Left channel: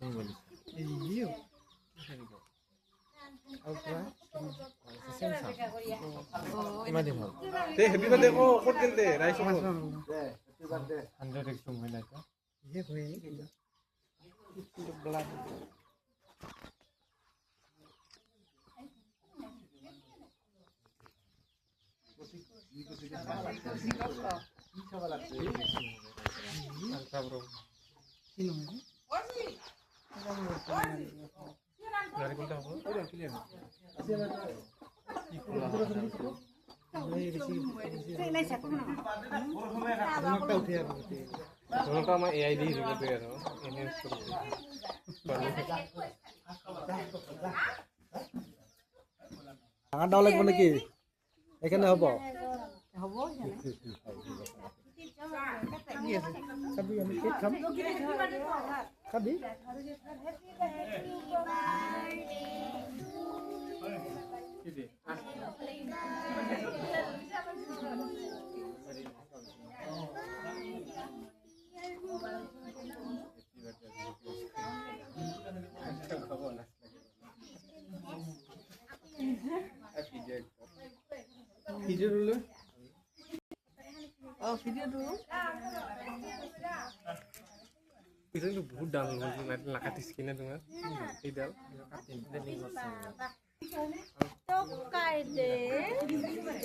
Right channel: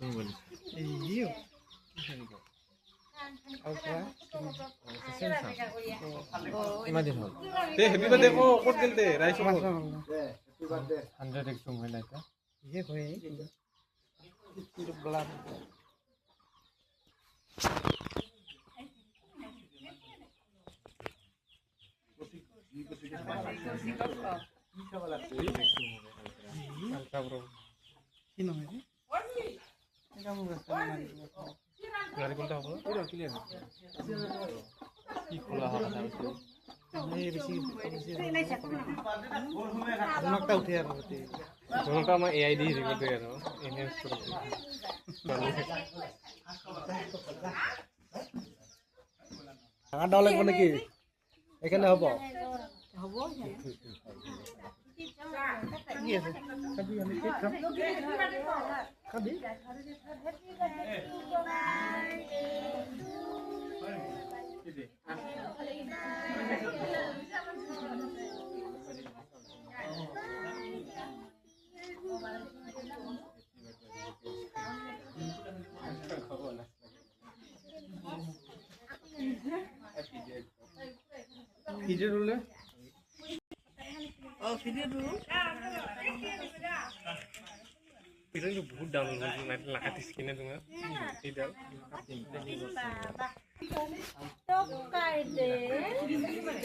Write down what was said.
Iyo. Apa? Mana hal? happy birthday mo kot dilte rai so Happy 100 exum hoy na ta Iya koi. Itu belan. alta bro Sino ini? Kamu berteman. gari ko ta ho Udah clear. ki pula Ini besi. Anak tahu dia berarti. dono ka ma aid ri ko de ro enhance করতে Jangan dolek mana ki? Ikan apa? Kadi yang ini kan? Kadi? Video রুলে itu juga বহুত down nanti লাগাতে স্কিনে তোমার এই দাও Tokai deh.